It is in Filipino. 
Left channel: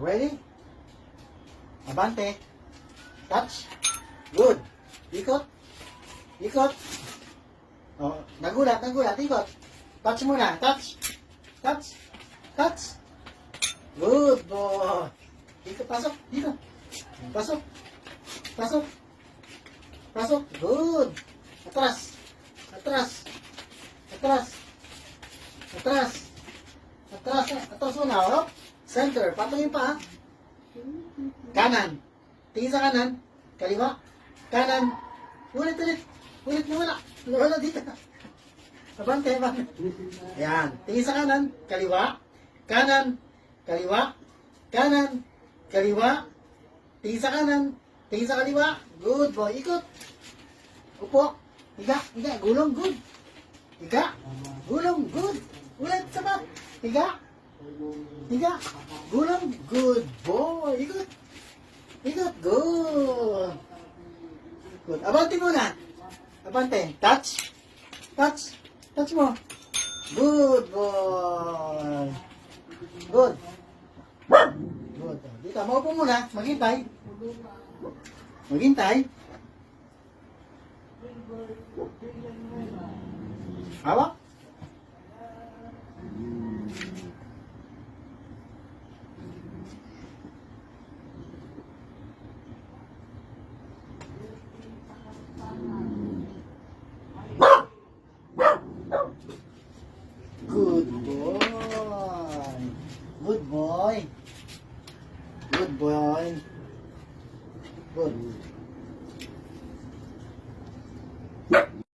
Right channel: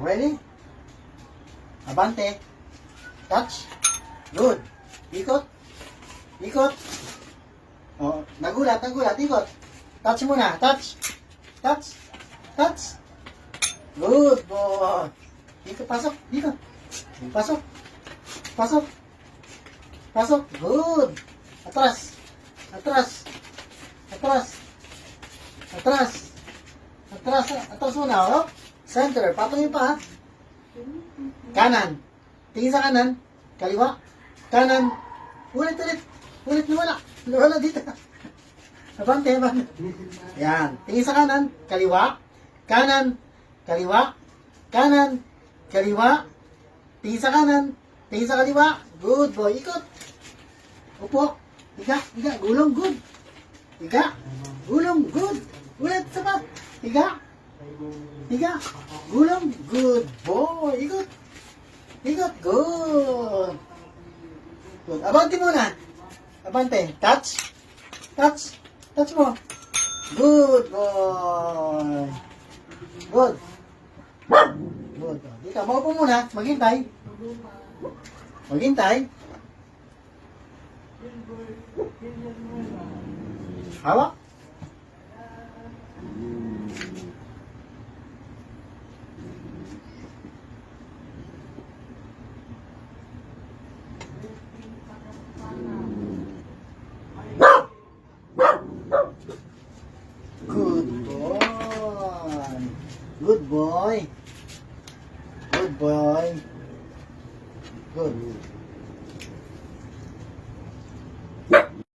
Ready? Abante. Touch. Good. Ikot. Ikot. Oh, nagulat. Ikot. Touch muna. Touch. Touch. Touch. Good boy. Dito, pasok. Dito. Pasok. Pasok. Pasok. Good. Atras. Atras. Atras. Atras. Atras. Atras muna, oh. Center. Patuloy pa, ha? Kanan. Tingin sa kanan. Kaliwa. Kanan. Ulit. Ulit wala. Wala dito. Abante. Yan. Tingin sa kanan. Kaliwa. Kanan. Kaliwa. Kanan. Kaliwa. Tingin sa kanan. Tingin sa kaliwa. Good boy. Ikot. Upo. Higa. Gulong. Good. Higa. Gulong. Good. Ulit. Sapat. Higa. Gulong. Good boy. Ikot. Good. Good. Abante muna. Abante. Touch. Touch mo. Good boy. Good. Dito, maupo muna. Maghintay. Hawak.